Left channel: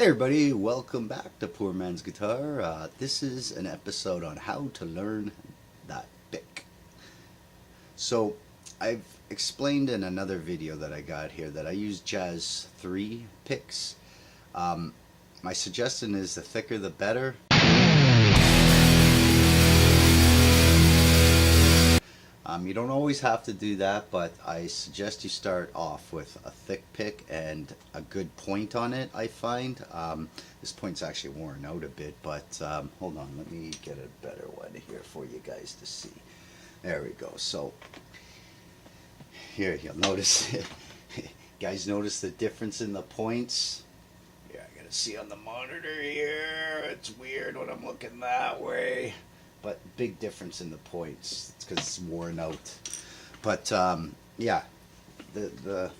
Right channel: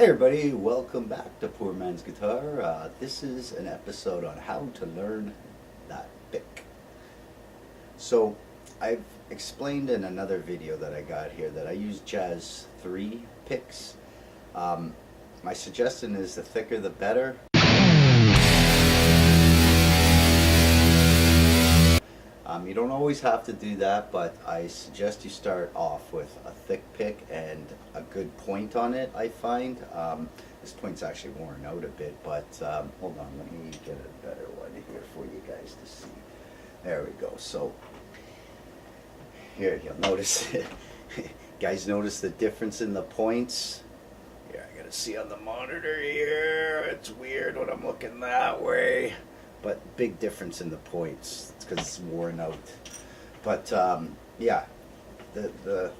Hey everybody, welcome back to Poor Man's Guitar. This is an episode on how to learn that pick. So I've explained in another video that I got here that I use Jazz 3 picks. My suggestion is the thicker the better. You don't always have to do that, but I suggest you start off with a thick pick and a good point on it, I find. This point's actually worn out a bit, but hold on, let me get a better one here for you guys to see. There we go. So here, you'll notice, guys notice the difference in the points? Here, I gotta see on the monitor here. It's weird when I'm looking that way. But big difference in the points. It's because it's worn out. But yeah, the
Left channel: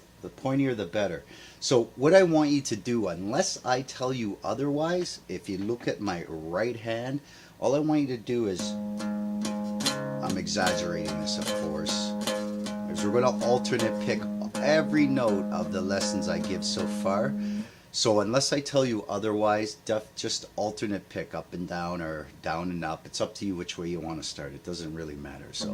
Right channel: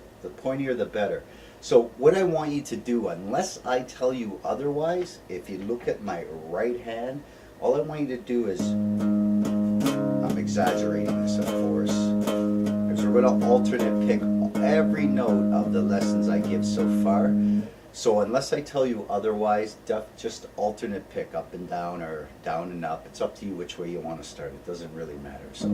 pointier the better. So what I want you to do, unless I tell you otherwise, if you look at my right hand, all I want you to do is, I'm exaggerating this of course, because we're going to alternate pick every note of the lessons I give so far. So unless I tell you otherwise, just alternate pick up and down or down and up. It's up to you which way you want to start. It doesn't really matter. So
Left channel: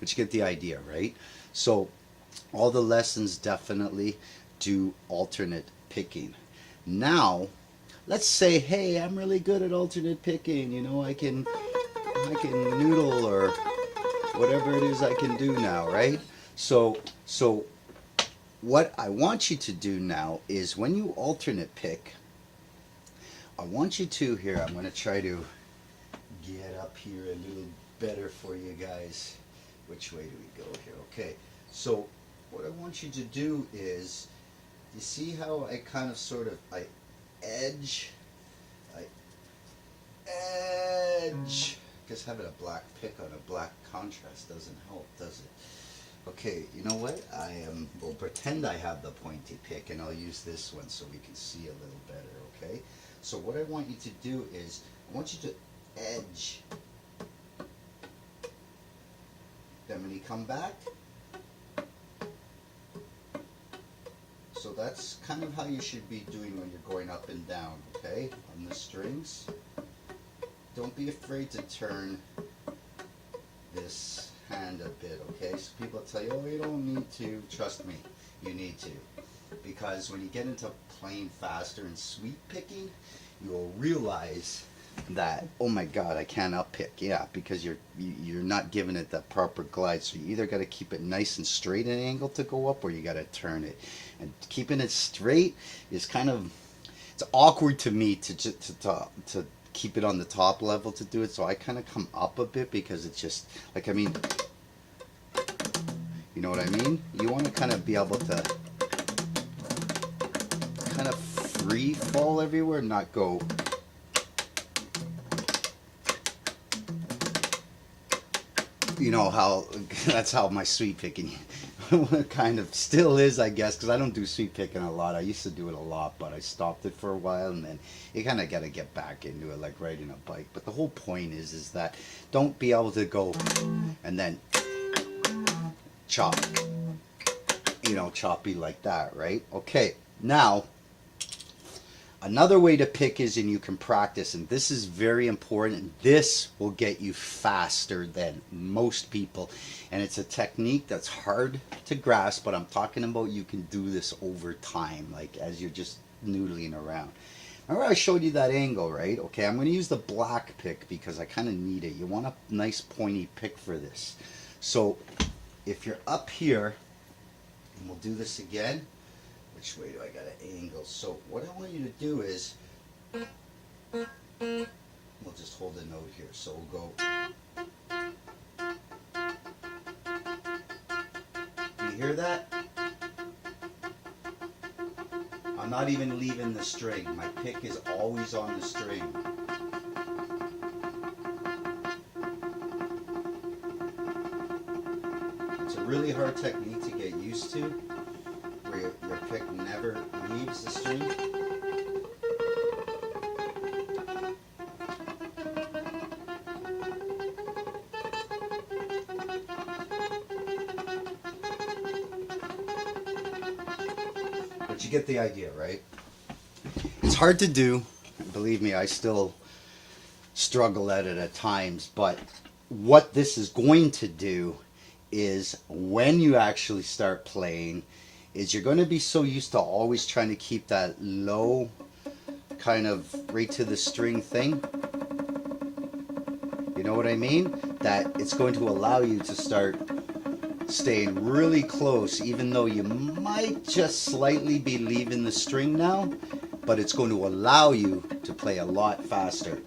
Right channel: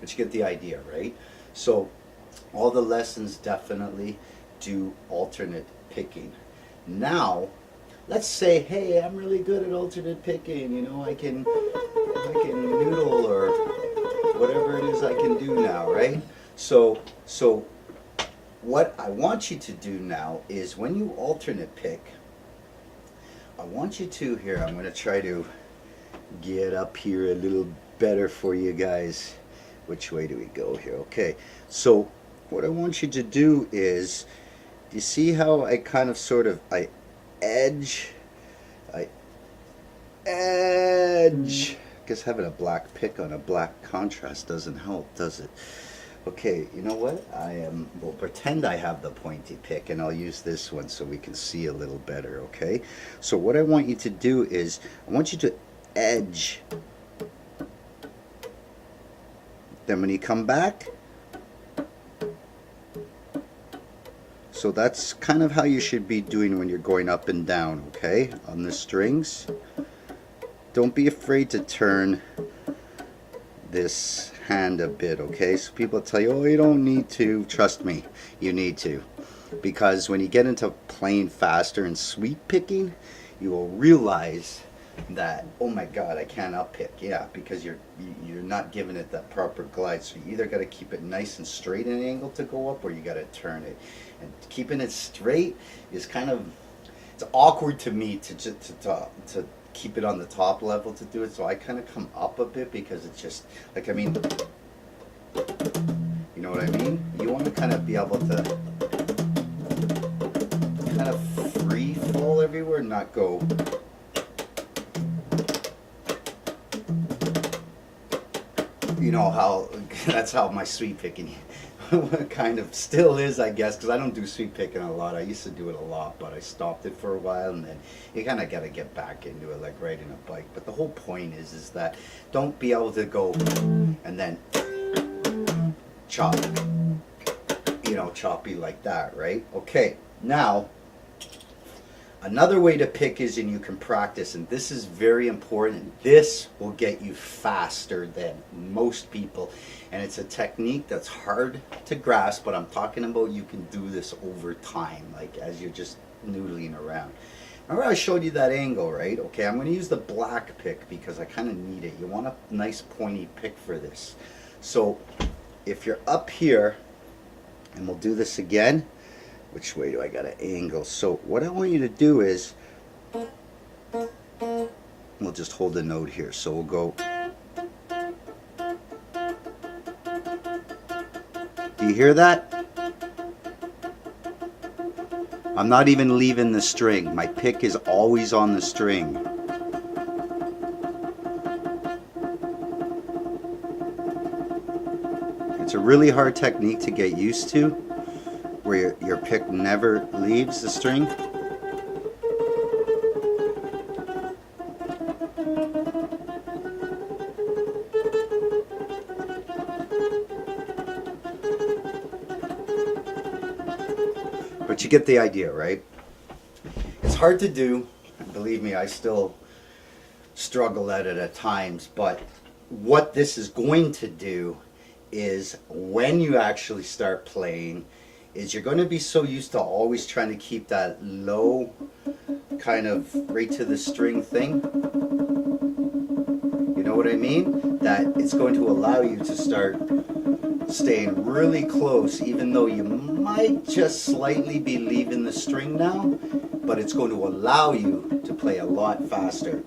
but you get the idea, right? So all the lessons definitely do alternate picking. Now let's say, hey, I'm really good at alternate picking, you know, I can noodle or whatever it is I can do now, right? So what I want you to do now is when you alternate pick, I want you to, here, I'm going to try to get up here a little better for you guys. Which way do we go here? Okay, so what I want you to do is, do you see how I kind of sort of, I edge. Guess having a black pick on a black contrast doesn't help, does it? Okay, you know what? We'll pretend I have the pointy pick and I'll use this one so we can see a little better, okay? So what I want you to do is, I want you to edge. Then when you come back, so that's kind of how you should be doing when you're going up and down, okay, on the strings. Don't be afraid to turn this hand a bit, okay? So people tell you, oh, you don't need to. Trust me, you need to. Because when you get into playing faster and sweep picking, you will realize that, oh my God, I can't up pick. Yeah, because you're not giving it that proper glide. So you either got to keep it nice and straight in an angle to go up, or you got to turn it. And keeping it straight is kind of, it's awkward to me to keep it on the top level to do it, so I kind of come up a bit because it's just like, I mean, you know what I mean? You want to kind of be able to kind of free fall everywhere, not go. You know how, that's how my sweep picking kind of still is, I guess, because I don't do sweep picking a lot. I used to do it a lot, but I stopped it for a while, and then you kind of got to get back into it, like riding a bike. But the whole point is that don't be able to go and then chop, you know, choppy like that, right? Okay, now another way to pick is, and you can practice, and this is very important. This will get you faster than most people, and it's a technique that's hard to grasp, but I'm talking about you can do this over time, like as you're just noodling around. Remember I showed you that angle, right? Okay, I'm going to use the black pick because I kind of need it. You want a nice pointy pick for this. So if you're up here, and we'll do this again, which way do I got to angle? So what I want you to do is, we'll just hold the note here. So we'll go. Do you hear that? I'm not even leaving the string. My pick is always on the string. It's a really hard technique to get used to, where your pick never leaves the string. But you get the idea, right? It's hard to do. Believe me, I still struggle at it at times. But what this is going to do is when you actually start playing, is you're going to be so used to always trying to keep that low kind of right to the string thing. You know what I mean? That it's going to allow you to start staying really close, even though you might just slightly be leaving the string now, but it's going to allow you to play a lot faster.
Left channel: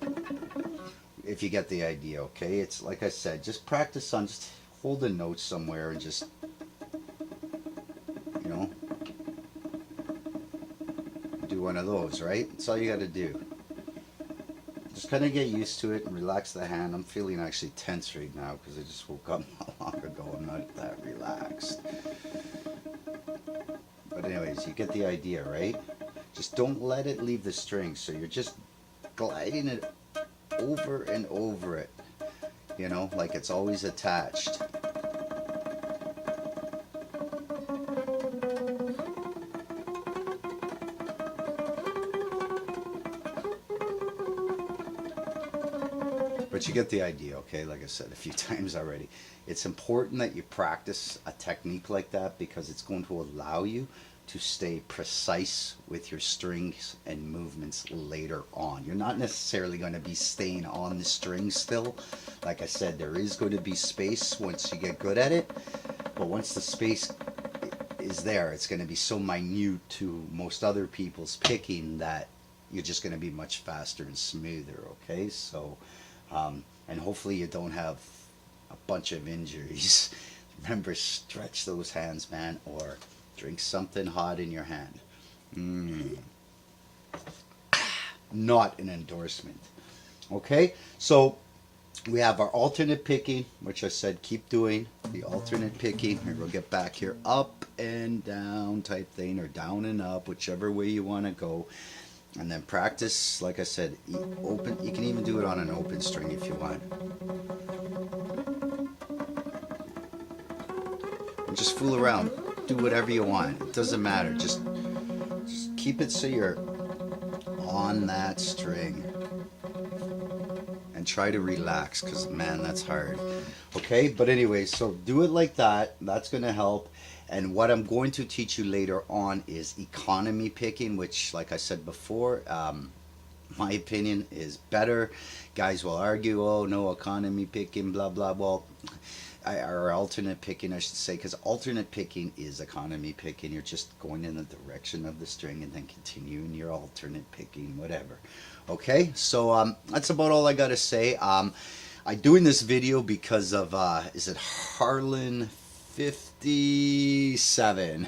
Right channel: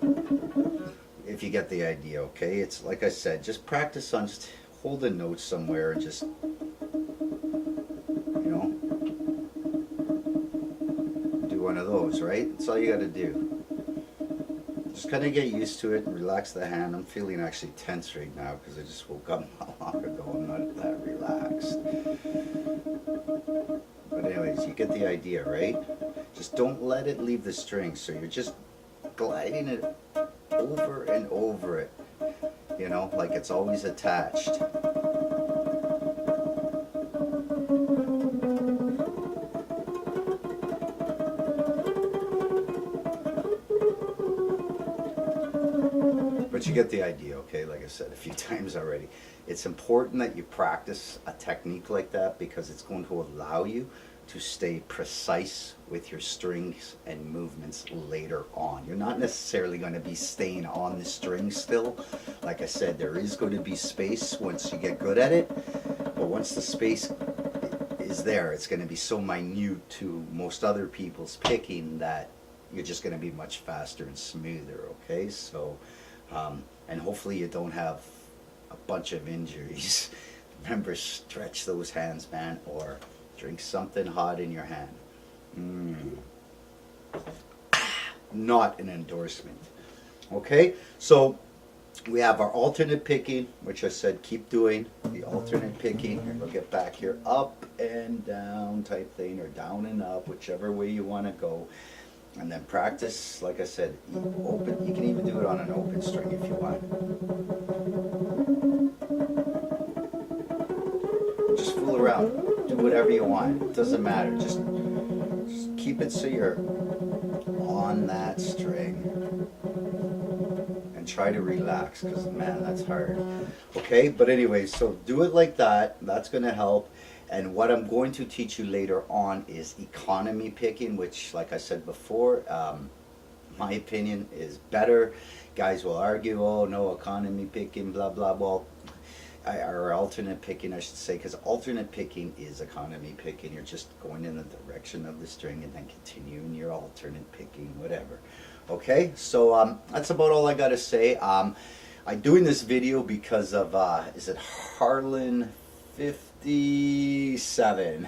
If you get the idea, okay? It's like I said, just practice on just holding notes somewhere and just, you know, do one of those, right? That's all you got to do. Just kind of get used to it and relax the hand. I'm feeling actually tense right now because I just woke up not long ago. I'm not that relaxed. But anyways, you get the idea, right? Just don't let it leave the string. So you're just gliding it over and over it, you know, like it's always attached. But you get the idea, okay? Like I said a few times already. It's important that you practice a technique like that because it's going to allow you to stay precise with your strings and movements later on. You're not necessarily going to be staying on the string still. Like I said, there is going to be space once you get good at it. But once the space is there, it's going to be so minute to most other people's picking that you're just going to be much faster and smoother, okay? So, and hopefully you don't have a bunch of injuries. Remember, stretch those hands, man, or drink something hot in your hand. Not an endorsement. Okay, so we have our alternate picking, which I said keep doing the alternate picking. And we'll get back here, up and down type thing, or down and up, whichever way you want to go. And then practice, like I said, open. You can even do it on an open string if you want. Just fool around. Do whatever you want. It doesn't matter. Just keep it so you're on that string. And try to relax, because, man, that's hard. Okay? But anyway, so do it like that. That's going to help. And what I'm going to teach you later on is economy picking, which, like I said before, my opinion is better. Guys will argue, oh, no, economy picking, blah, blah, well, or alternate picking, I should say, because alternate picking is economy picking. You're just going in the direction of the string and then continuing your alternate picking, whatever. Okay, so that's about all I got to say. I'm doing this video because of, is it Harlan 57?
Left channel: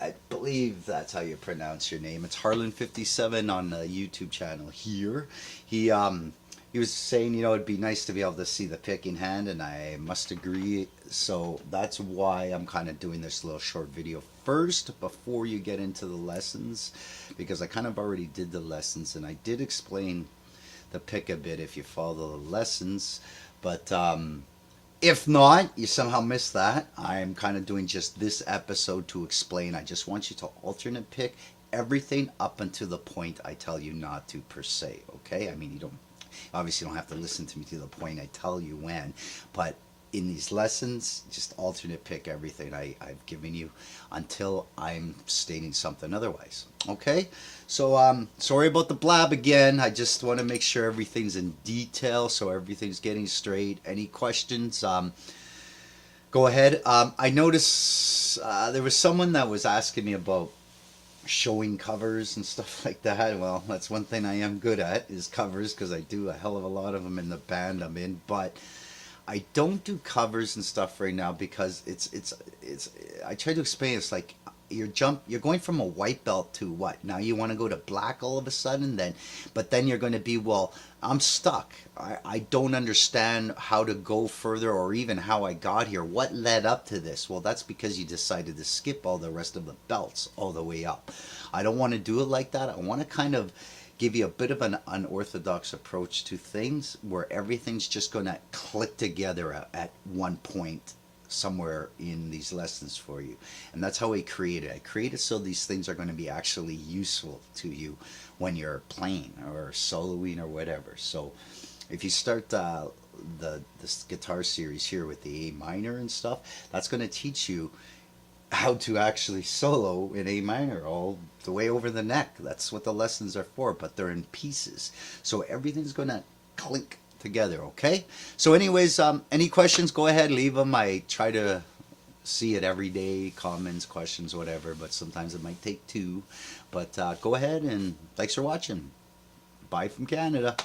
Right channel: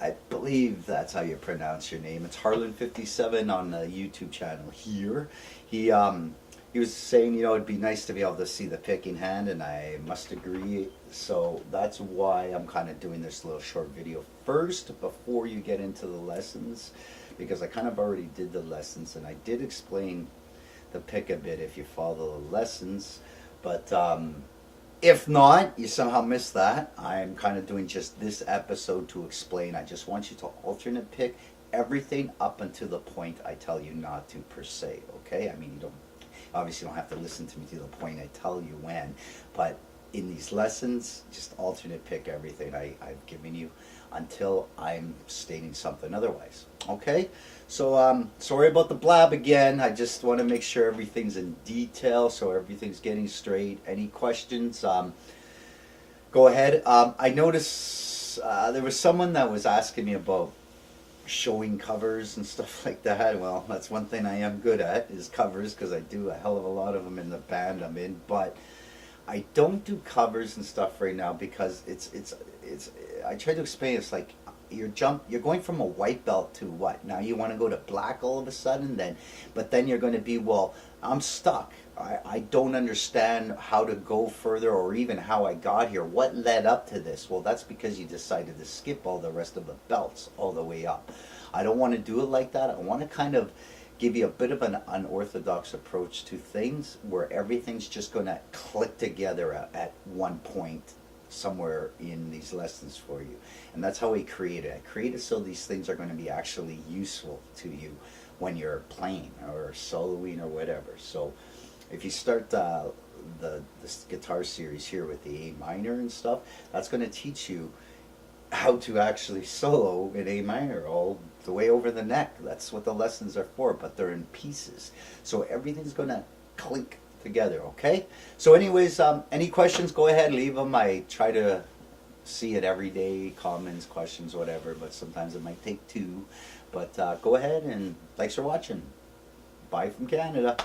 I believe that's how you pronounce your name. It's Harlan 57 on the YouTube channel here. He was saying, you know, it'd be nice to be able to see the picking hand, and I must agree. So that's why I'm kind of doing this little short video first before you get into the lessons, because I kind of already did the lessons and I did explain the pick a bit if you follow the lessons. But if not, you somehow missed that, I'm kind of doing just this episode to explain. I just want you to alternate pick everything up until the point I tell you not to, per se, okay? I mean, you don't obviously don't have to listen to me to the point I tell you when, but in these lessons, just alternate pick everything I've given you until I'm stating something otherwise. Okay? So, sorry about the blab again. I just want to make sure everything's in detail, so everything's getting straight. Any questions? Go ahead. I noticed there was someone that was asking me about showing covers and stuff like that. Well, that's one thing I am good at, is covers, because I do a hell of a lot of them in the band I'm in, but I don't do covers and stuff right now because it's I try to explain, it's like you're going from a white belt to what? Now you want to go to black all of a sudden, but then you're going to be, well, I'm stuck. I don't understand how to go further or even how I got here. What led up to this? Well, that's because you decided to skip all the rest of the belts all the way up. I don't want to do it like that. I want to kind of give you a bit of an unorthodox approach to things where everything's just going to click together at one point somewhere in these lessons for you. And that's how I created. I created so these things are going to be actually useful to you when you're playing or soloing or whatever. So if you start this guitar series here with the A minor and stuff, that's going to teach you how to actually solo in A minor all the way over the neck. That's what the lessons are for, but they're in pieces. So everything's going to clink together, okay? So anyways, any questions, go ahead, leave them. I try to see it every day, comments, questions, whatever, but sometimes it might take two. But go ahead, and thanks for watching. Bye from Canada.